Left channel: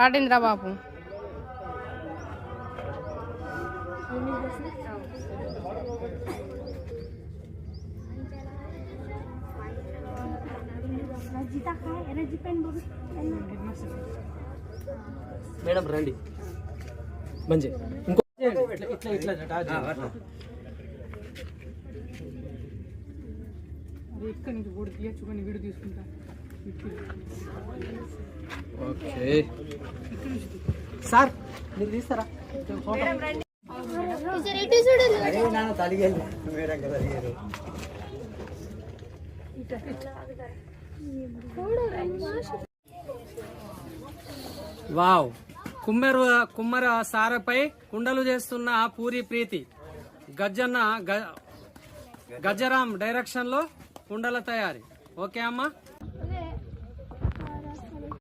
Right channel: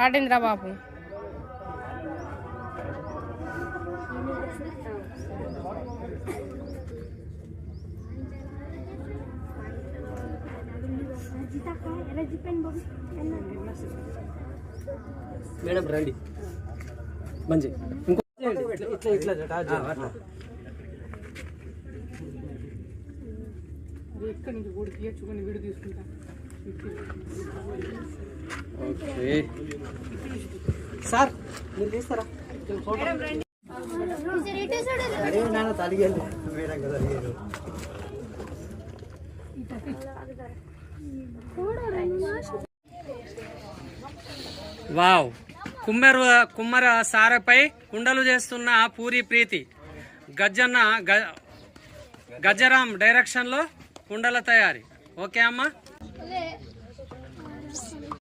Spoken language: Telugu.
ఆడిందిరా బాబు? మేడం రండి. మంచి. ఇంకో ఇట్లా ఇట్లా ఇట్లా జట, ఆ, అట్లా. ఓకే సార్ మీరు తీస్తారా అదే సార్ మీరు తీస్తారా? వావ్. కుమ్మెరు కుమ్మర సారపై కుండలు చేస్తున్న పూరి ప్రీతి. గజ్జన్న గ గజరాం డైరెక్షన్లో కుండల తయారీ. ఓకే అమ్మా?